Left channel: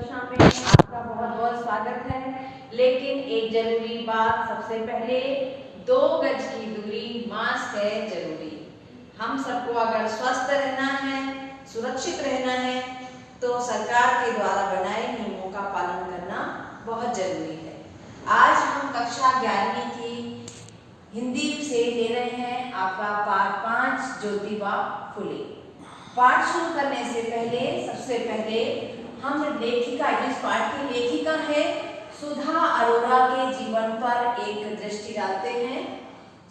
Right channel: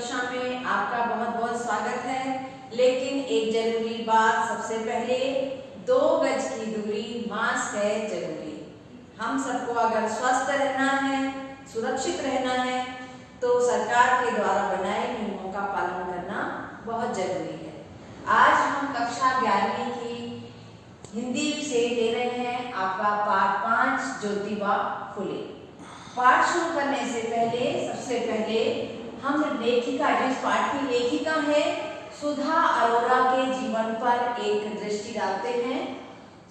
कक्षा में आपका बहुत बहुत स्वागत है। लेकिन एक जरूरी बात, सबसे पहले 2 गज की दूरी, मास्क है जरूरी। हम सबको अगर स्वस्थ रहना है, सुरक्षित रहना है, तो सरकार के द्वारा बनाए नियमों का पालन करना बहुत जरूरी है। आज हम कक्षा 11वीं की हिंदी से ले रहे हैं आपका पाठ 5 ज्योतिबा फुले। पाठ शुरू करने से पहले सबसे पहले हम लेखिका, इस पाठ की लेखिका है सुधा अरोरा के जीवन पर एक दृष्टि डालते हैं।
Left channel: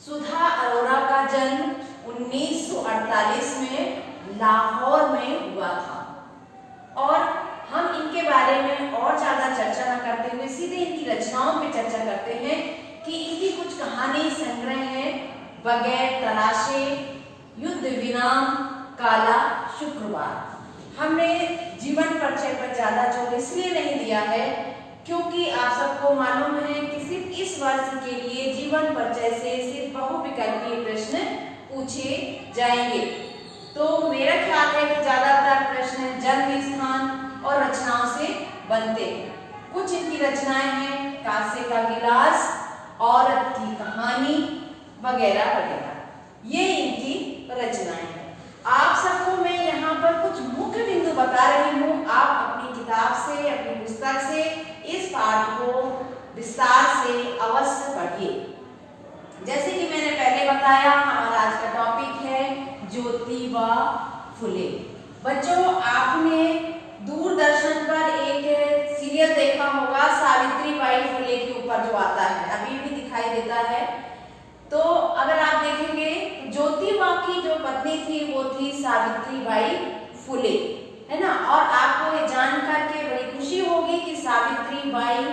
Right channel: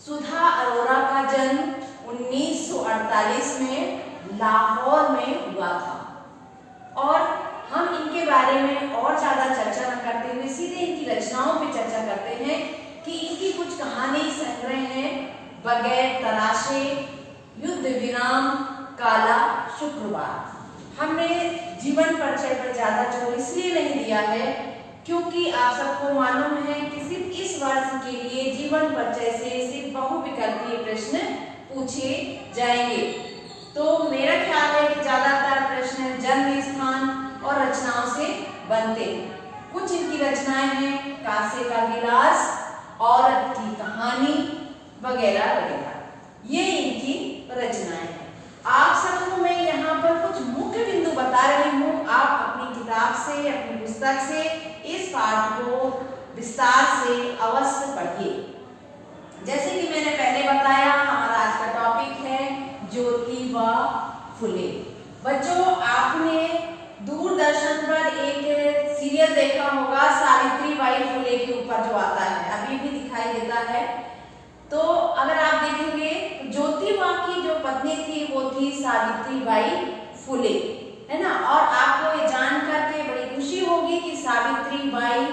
सुधा अरोरा का जन्म 1948 में लाहौर में हुआ था और हम इनके बारे में और ज्यादा चर्चा न करते हुए सीधे इनकी रचनाओं पे चर्चा करते हैं कि इनकी कुछ कहानी संग्रह है। बगैर तराशे, युद्ध विराम, काला शुक्रवार। हमने जीवन परिचय पर ज्यादा जोर इसलिए नहीं दिया है क्योंकि आप सबको मालूम है कि सिर्फ इस वर्ष के लिए जीवन परिचय से सिर्फ बहुविकल्पीय प्रश्न पूछे जाएंगे। तो मेरा ख्याल है कि ज्यादातर प्रश्न जन्म स्थान और रचनाओं से बनते हैं। कुछ इनकी रचनाएं हैं कांसे का गिलास, औरत की कहानी वगैरह वगैरह, ये इनकी रचनाएं हैं। आप सबको मैं यहाँ पर कुछ मुख्य बिंदु बता रही हूँ। आप अपनी किताब से, अपनी पुस्तक से इस पाठ को विस्तार से अवश्य पढ़िए। जैसे कि मैंने पहले बताया, हमारा आज का टॉपिक है ज्योतिबा फुले। बच्चों, आपने दूरदर्शन पर एक सीरियल देखा होगा सावित्रीबाई फुले के ऊपर जो आता है, अभी भी दिखाई देता है। तो अगर आप देखेंगे ज्योतिबा की जो पत्नी थी वो थी सावित्रीबाई फुले, है ना। और आपको ये जानकर के बड़ी खुशी होगी कि सावित्रीबाई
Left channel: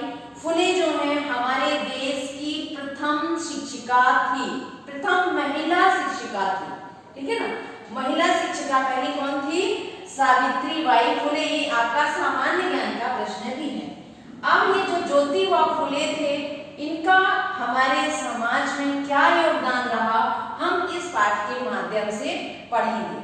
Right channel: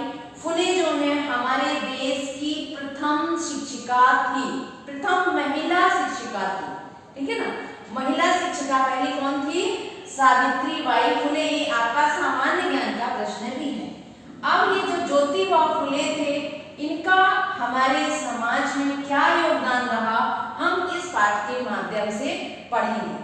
फुले जो है हमारे देश की प्रथम शिक्षिका थी, प्रथम महिला शिक्षिका थी, ठीक है ना। महिला शिक्षिका पहली कौन थी? सावित्रीबाई फुले। ये आपका सामान्य ज्ञान का प्रश्न भी है। अब ये जो ज्योतिबा फुले थे, इनका हमारे समाज में क्या योगदान रहा, हम इस पाठ के माध्यम से पढ़ेंगे।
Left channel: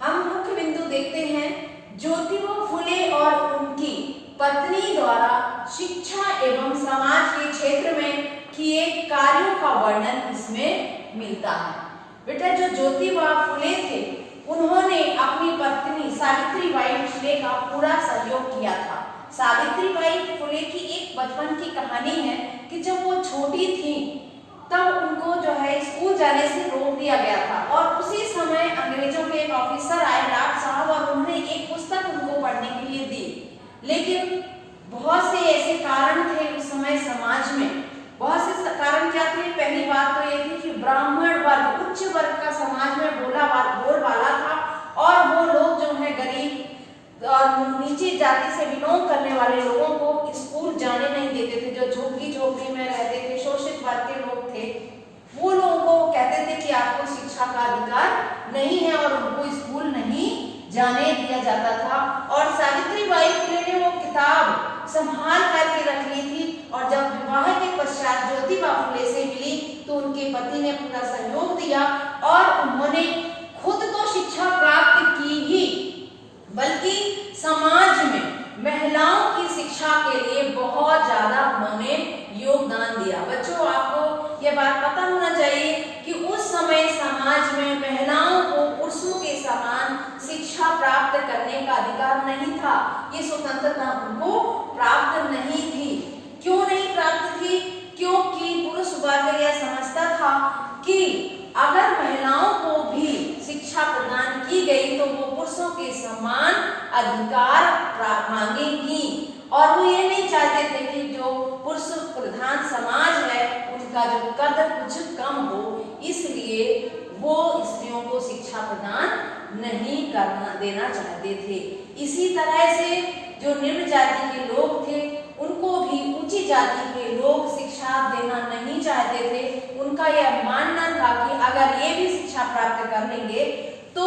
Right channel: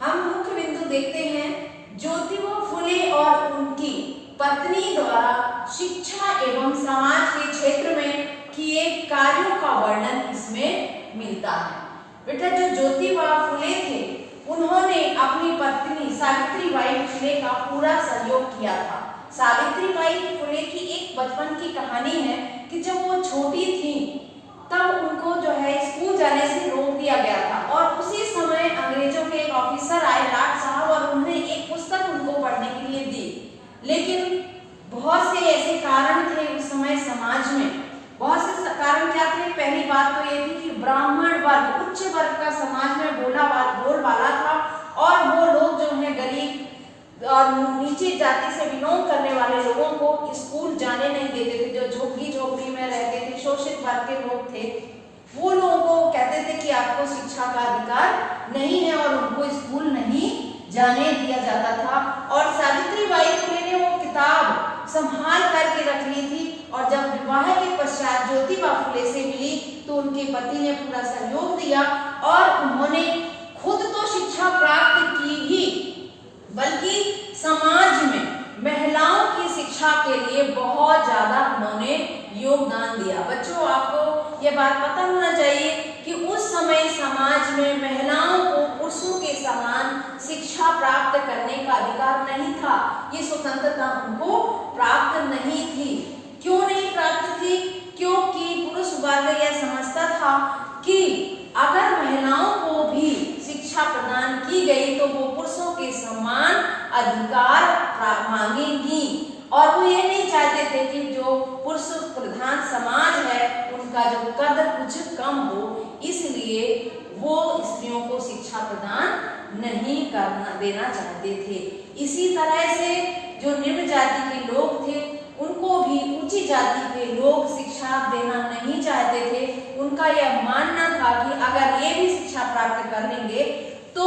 हम मुख्य बिंदु देखते हैं। ज्योतिबा फुले और उनकी पत्नी द्वारा शिक्षा एवं समाज के क्षेत्र में किए कार्यों का वर्णन इसमें मिलता है। बेटा, जो ज्योतिबा फुले थे उन्होंने अपनी पत्नी सावित्रीबाई फुले का पूरा सहयोग किया था। सावित्रीबाई फुले की एक बचपन की कहानी है कि जब वो छोटी थी तब उनको जो है स्कूल जाने से रोक दिया गया था और उसी समय अंग्रेजों के एक ऑफिसर आए, लाट साहब, और उन्होंने एक पुस्तक उनको पढ़ने के लिए दी। लेकिन बहुत से ऐसे कारण थे उस समय समाज में। बहुत से कारण क्या थे? पहली बात तो ये थी कि ब्राह्मण वर्ग, उच्च वर्ग का समाज में बोलबाला था और वो लोग जो है गरीब और नीची जाति से बिलोंग करने वाले लोगों को स्कूल जाने नहीं देते थे। जो झोपड़ी झोपड़ी में रहते थे, शोषित वर्ग के लोग थे, वो लोगों को कहते थे कि आपको शिक्षा का अधिकार नहीं है और उनको स्कूल नहीं जाने दिया जाता था। और सावित्रीबाई फुले ने वो किताब संभाल करके रख ली थी और जब विवाह के पश्चात ज्योतिबा फुले से मिली तो उनके पति ने पूरा सहयोग दिया और उन्होंने खुद तो शिक्षा प्राप्त की ही, बल्कि समाज में महिलाओं की शिक्षा के लिए बहुत ज्यादा उन्होंने योगदान दिया। बच्चों, आपको यह बात पता होना चाहिए कि उस समय समाज में महिलाओं को पुरुषों के समान शिक्षा प्राप्त करने का अधिकार नहीं था। ये स्वतंत्रता उनको प्राप्त नहीं थी। क्यों नहीं प्राप्त थी? क्योंकि पुरुष वर्ग यह समझता था कि अगर महिलाओं को भी शिक्षा प्रदान की गई तो वो पुरुषों के समान अधिकार मांगेंगी और वो ये नहीं चाहते थे कि जो पुरुष प्रधान समाज है उनका जो कदर कुछ कम हो, इसलिए वो स्त्रियों को शिक्षा प्रदान नहीं देना चाहते थे। इसी तरह से जो निम्न जाति के लोग थे उनको भी ऊंची जाति के लोग शिक्षा देना नहीं चाहते थे। उनका यह मानना था कि अगर ये भी शिक्षा प्राप्त कर लेंगे तो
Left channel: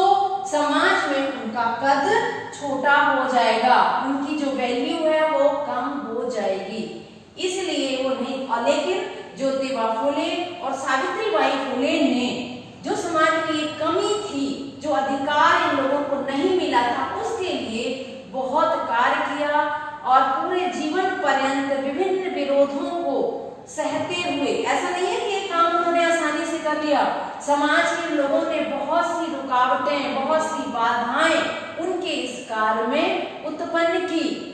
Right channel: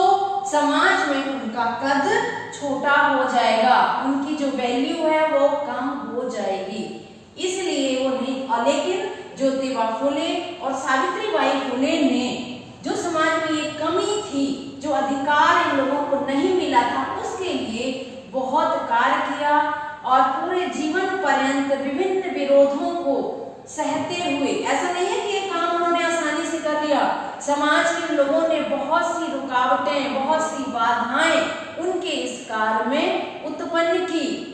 समाज में उनका कद छोटा हो जाएगा, उनकी जो वैल्यू है वो कम हो जाएगी, इसलिए वो नहीं। और लेकिन ज्योतिबा फुले और सावित्रीबाई फुले ने जो समाज में ये कमी थी, जो अधिकार इन लोगों को नहीं मिला था, उसके लिए बहुत कार्य किया। और पूरे जीवन पर्यंत विभिन्न विरोधों को सहते हुए, ऐसा नहीं है कि ये काम उन्होंने आसानी से कर लिया, समाज के लोगों ने बहुत सी रुकावटें, बहुत सी बाधाएं उनके इस कार्य में उत्पन्न की।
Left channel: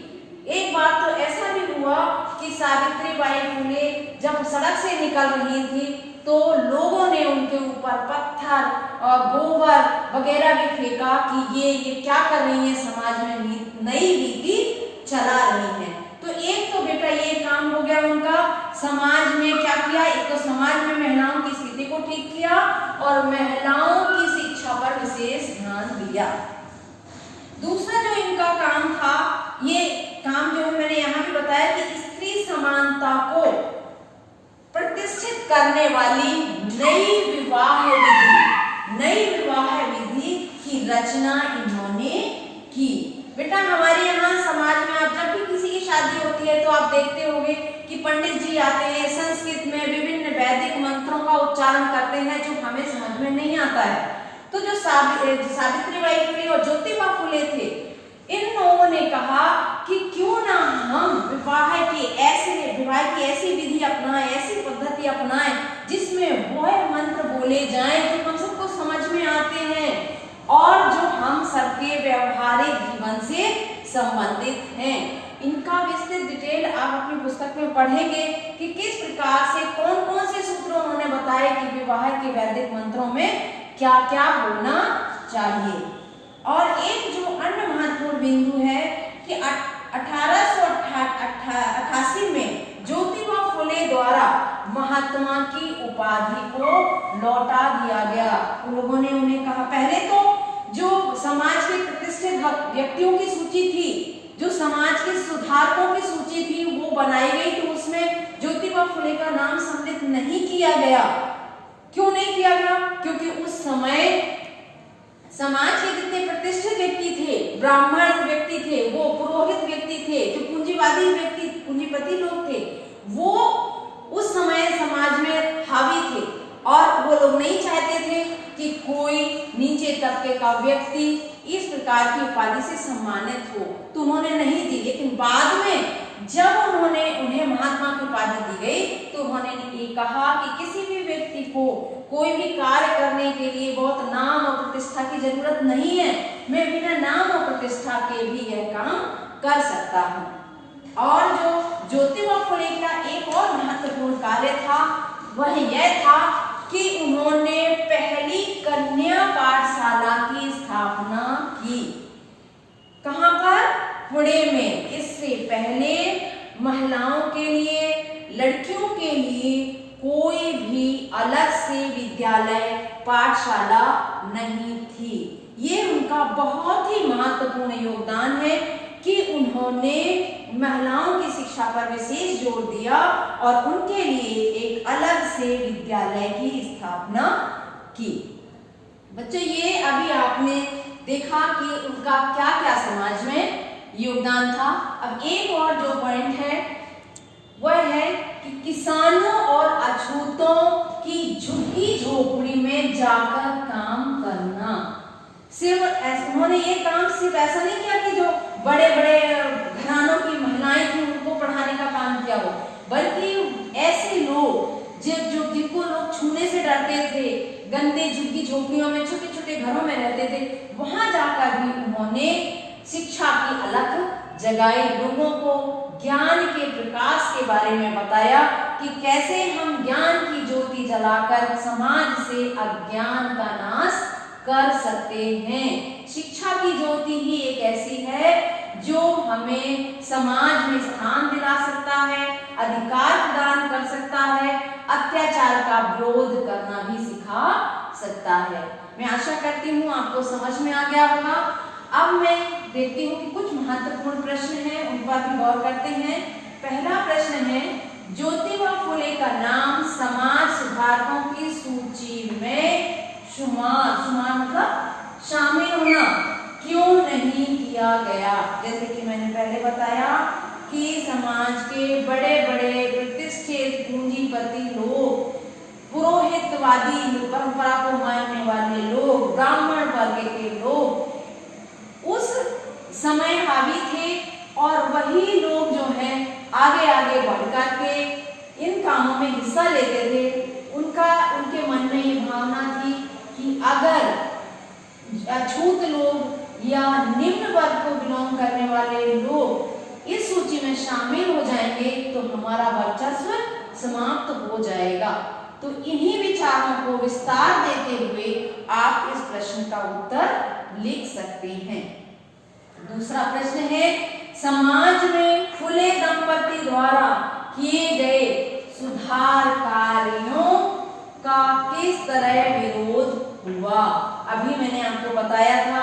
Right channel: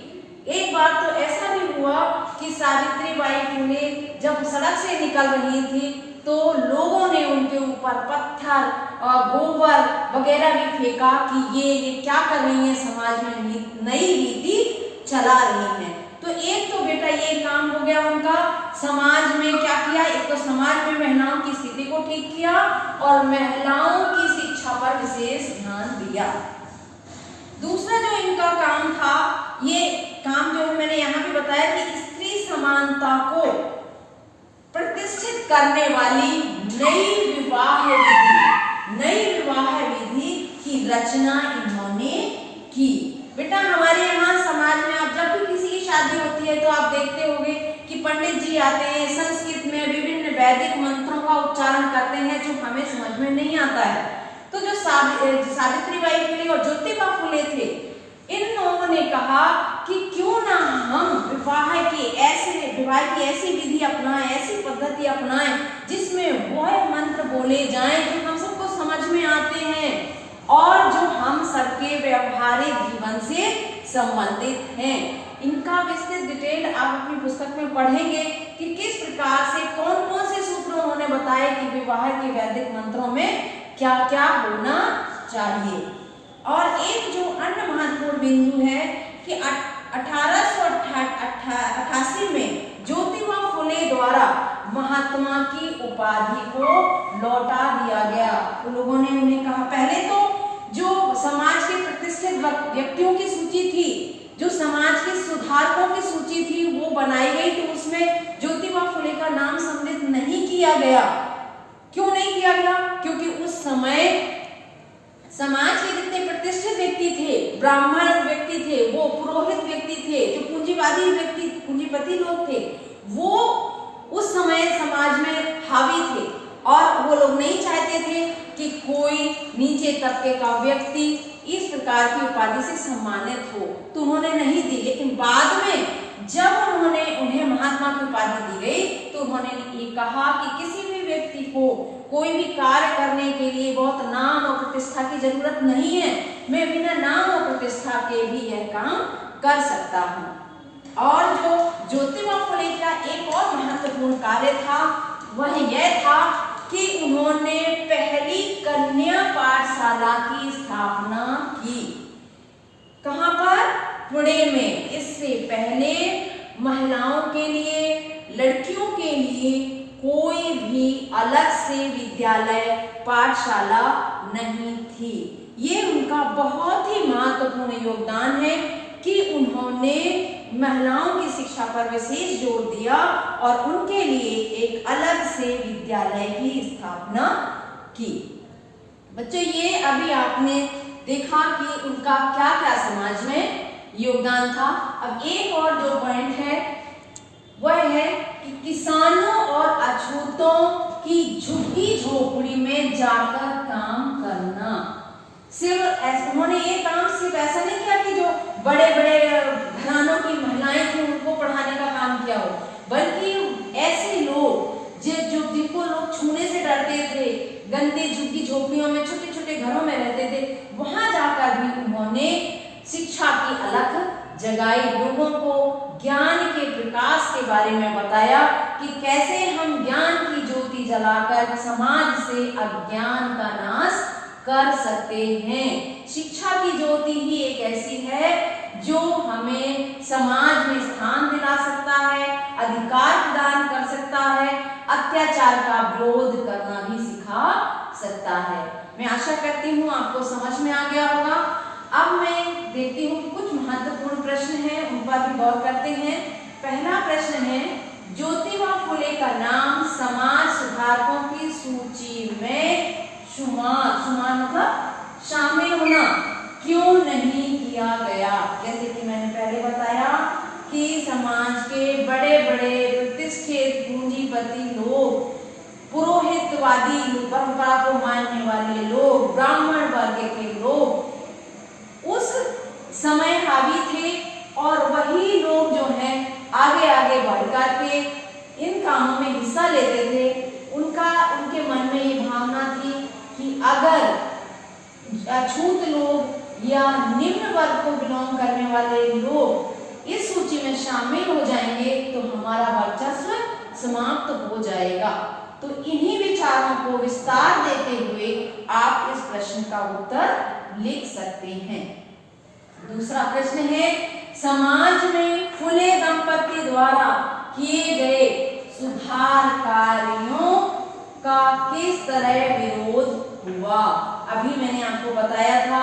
एक बार तो ऐसा भी हुआ कि सावित्रीबाई फुले जब सड़क से निकल रही थी तो लोगों ने उनके ऊपर पत्थर और गोबर वगैरह भी फेंका कि ये क्या कर रही हैं, समाज में नई नीति चला रही हैं। तो एक तो बेटा ये काम हो गया उनका, समाज में क्या किया, एक तो समाज में महिलाओं की स्थिति को ठीक किया और महिलाओं की शिक्षा पर विशेष ध्यान दिया। दूसरा जो इनका काम था, ये काम जो मैंने यहाँ भी बताया कि स्त्री समानता को प्रतिष्ठित करने वाली नई विवाह विधि की रचना इन्होंने की। बेटा हमारे यहाँ समाज में आप जब भी किसी की शादी होती है तो आप देखते होंगे कि पंडित जी आते हैं, संस्कृत में विभिन्न वैदिक मंत्रों का उच्चारण करते हैं जो हमें समझ में नहीं आता है। तो जो सावित्रीबाई फुले और ज्योतिबा फुले थे, इन लोगों ने कहा कि क्यों ना हम विवाह की ऐसी विधि अपनाएं, ऐसी पद्धति अपनाएं जिसमें वह मंत्र बोले जाएं जो हम सबको समझ में आते हैं और जो हम सबके व्यवहारिक जीवन से संबंधित हैं। इनका विस्तृत डिटेल आप अपनी पुस्तक में पढ़ेंगे कि किस प्रकार से कौन कौन से सूत्र उन्होंने बताए कि विवाह के वैदिक मंत्रों में क्या क्या होना चाहिए। और एक जो अन्य महत्वपूर्ण बिंदु है कि 1888 में ज्योतिबा फुले द्वारा महात्मा की उपाधि को लौटा दिया गया। लोगों ने उन्हें कहा, पहले तो जो समाज के प्रतिष्ठित व्यक्तियों की सूची थी, जो समाज के सुधारकों की सूची थी वो बनाई गई, तो उसमें ज्योतिबा फुले का नाम सम्मिलित नहीं किया गया। क्यों नहीं किया गया? क्योंकि उस समय समाज के जितने प्रतिष्ठित व्यक्ति थे, ब्राह्मण व्यक्ति थे, वो पुरोहित व्यक्ति थे, जो पूंजीवादी व्यक्ति, पूंजीपति लोग थे, वो उस समय समाज में हावी थे और वो लोग नहीं चाहते थे कि कोई नीचे तबके का व्यक्ति इस प्रकार की उपाधि से सम्मानित हो, तो उन्होंने नहीं दी। लेकिन बाद में जब उन्हें महात्मा की उपाधि दी गई तो उन्होंने ये कहा कि किसी भी व्यक्ति को कोई भी कार्य करने के लिए बहुत नाम और प्रतिष्ठा की जरूरत नहीं है, मैं बिना नाम और प्रतिष्ठा के भी यह काम कर सकता हूँ। और जो ज्योतिबा फुले का एक और महत्वपूर्ण कार्य था वह यह था कि उन्होंने पहली कन्या पाठशाला की स्थापना की। कहाँ पर? पुणे में। इससे पहले महिलाओं के लिए, लड़कियों के लिए कोई भी अलग से विद्यालय, पाठशाला नहीं थी। ये उनका बहुत ही महत्वपूर्ण योगदान है कि उन्होंने महिलाओं की शिक्षा पर विशेष जोर दिया और उनके लिए एक अलग से विद्यालय की स्थापना की। बच्चों, ये अभी आपने देखा कि उनका क्या क्या समाज में योगदान था। अब एक और जो पॉइंट है वह है कि किसानों और अछूतों की झुग्गी झोपड़ी में जाकर काम करना। सिर्फ उन्होंने ये काम सिर्फ ऐसा नहीं किया कि जो बड़े बड़े घरानों की महिलाएं थी उनको पढ़ाने का काम किया हो, बल्कि ऐसे लोग जिनको लोग छूने से डरते थे, गंदे झुग्गी झोपड़ियों में, छोटे छोटे घरों में रहते थे, वहां जाकर भी उन्होंने शिक्षा की अलख जगाई, लोगों को ज्ञान के प्रकाश के बारे में बताया कि कैसे हम ज्ञान की ज्योति जलाकर समाज से अज्ञान का नाश कर सकते हैं। शिक्षा की ज्योति ही एक ऐसी है जो हमें समाज में स्थान दिला सकता है, अधिकार प्रदान कर सकता है, अत्याचार का विरोध करना भी सिखा सकता है। मैं आशा करती हूँ आपको समझ में आ गया होगा। अब मैं देखती हूँ कि कुछ महत्वपूर्ण प्रश्न हैं, उन पर भी गौर करते हैं। पहला प्रश्न है, ज्योतिबा फुले का नाम समाज सुधारकों की सूची में शुमार मतलब शामिल होना क्यों नहीं किया गया? जैसे कि मैंने पहले बताया कि समाज के बड़े बड़े प्रतिष्ठित पूंजीपति लोग, पुरोहितवादी परंपरा को मानने वाले लोग, ब्राह्मण वर्ग के लोग उस समय हावी थे और वही लोग जो हैं आगे आगे बढ़कर के इन कामों में हिस्सा लेते थे। उनके मन में ये भावना थी कि अगर अछूत लोग या निम्न वर्ग को बिलोंग करने वाले लोग इस सूची में शामिल हो जाएंगे तो हमारा वर्चस्व समाप्त हो जाएगा। तो इन्हीं विचारों को विस्तार देते हुए आप इस प्रश्न का उत्तर लिख सकते हैं। दूसरा प्रश्न है, समाज में फुले दंपति द्वारा किए गए सुधार कार्यों का किस तरह विरोध हुआ। अभी मैंने आपको बताया था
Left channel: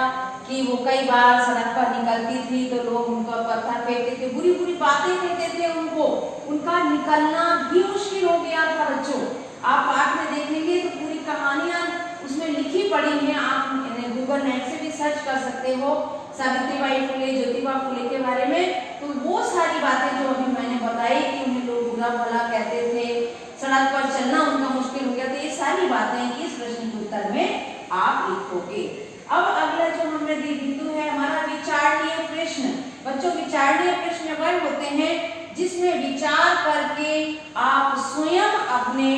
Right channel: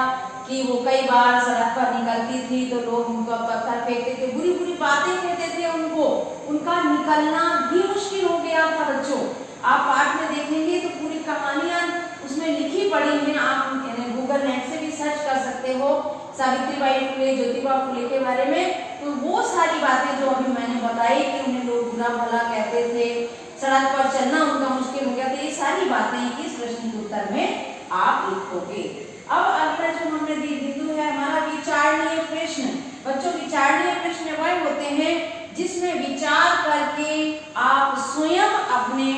कि वो कई बार सड़क पर निकलती थी तो लोग उनको पत्थर फेंकते थे, बुरी बुरी बातें कहते थे उनको, उनका निकलना भी मुश्किल हो गया था। बच्चों आप पाठ में देखेंगे तो पूरी कहानियां उसमें लिखी पड़ी हैं, आप गूगल नेट से भी सर्च कर सकते हो सावित्रीबाई फुले, ज्योतिबा फुले के बारे में। तो वो सारी बातें जो अभी मैंने बताई कि उन्हें लोग बुरा भला कहते थे, सड़क पर चलना उनका मुश्किल हो गया था, ये सारी बातें इस प्रश्न के उत्तर में आप लिखोगे। अब अगला जो हमने बिंदु है हमारा विचारणीय प्रश्न। बच्चों विचारणीय प्रश्न वह होते हैं जिसमें विचार करके आप स्वयं अपने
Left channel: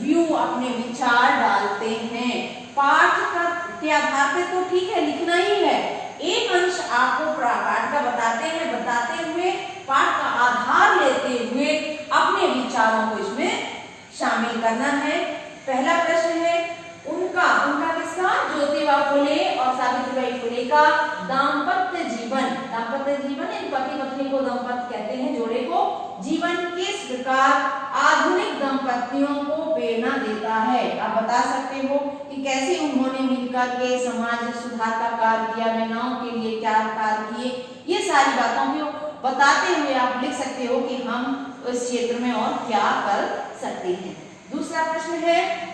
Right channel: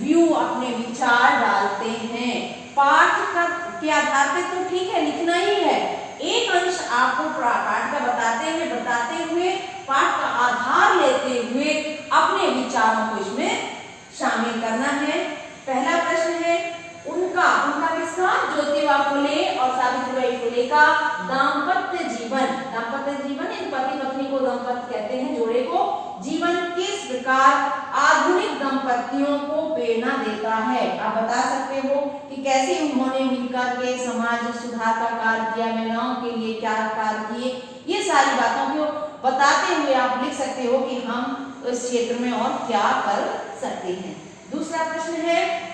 व्यू, अपने विचार डालते हैं। पाठ के आधार पे तो ठीक है लिखना ही है, एक अंश आपको पाठ का बताते हुए पाठ का आधार लेते हुए अपने विचारों को इसमें शामिल करना है। पहला प्रश्न है उनका किसका, ज्योतिबा फुले और सावित्रीबाई फुले का दाम्पत्य जीवन। दाम्पत्य जीवन इन पति पत्नी को दंपत्ति कहते हैं, जोड़े को जीवन किस प्रकार आधुनिक दंपतियों को प्रेरणा देता है। आप बता सकते हो कि कैसे उन्होंने मिलकर के समाज सुधार का कार्य किया, महिलाओं के लिए क्या कार्य किए, ये सारी बातों को बताते हुए आप लिख सकते हो कि हम उस क्षेत्र में और क्या कर सकते हैं। दूसरा प्रश्न है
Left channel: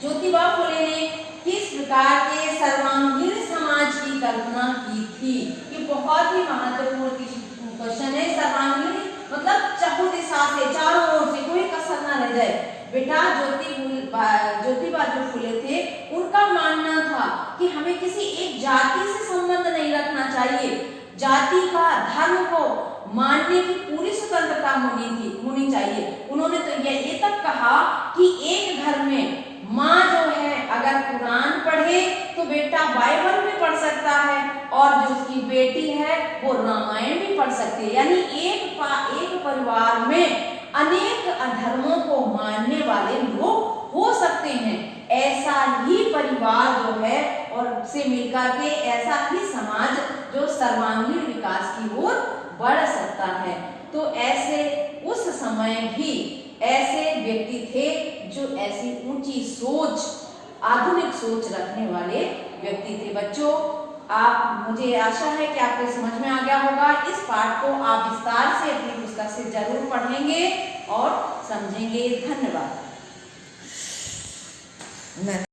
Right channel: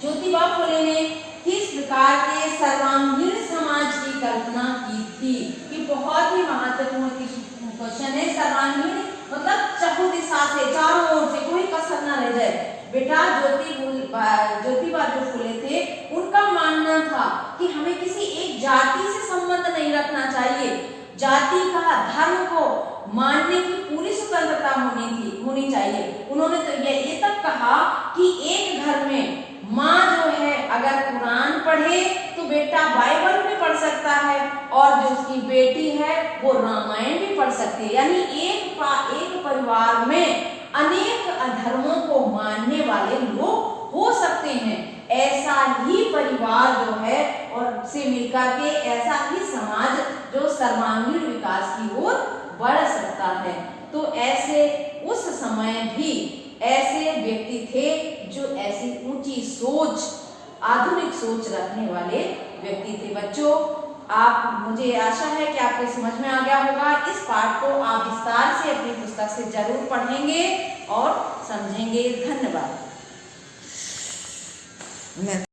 ज्योतिबा फुले ने किस प्रकार के सर्वांगीण समाज की कल्पना की थी। ये बहुत ही महत्वपूर्ण क्वेश्चन है। सर्वांगीण मतलब चहुदिशा से, चारों ओर से, कोई कसर ना रह जाए। बेटा ज्योतिबा जो फुले थे उनका मानना था कि हमें किसी एक जाति से संबंध नहीं रखना चाहिए, जाति का धर्म को मानने की पूरी स्वतंत्रता होनी चाहिए। उन्होंने तो ये तक कहा कि एक घर में माँ जो है अगर कुरान पढ़े तो बेटा बाइबल भी पढ़ सकता है और जो उसकी बेटी है वो रामायण भी पढ़ सकती है। यानी एक परिवार में अनेक धर्मों को मानने वाले लोग हो सकते हैं। ऐसा ही परिवार जो है और से मिलकर के ऐसा ही समाज जो सर्वांगीण विकास की ओर बढ़ सकता है। तो ऐसे उस समय भी ऐसे व्यक्ति थे जो ऐसी ऊंची सोच, आधुनिक सोच रखने वाले व्यक्ति थे। बच्चों मुझे आशा है कि आपके समझ में आ गया होगा। इस पाठ को आप विस्तार से अपनी पुस्तक से जरूर पढ़ेंगे और समझेंगे। धन्यवाद।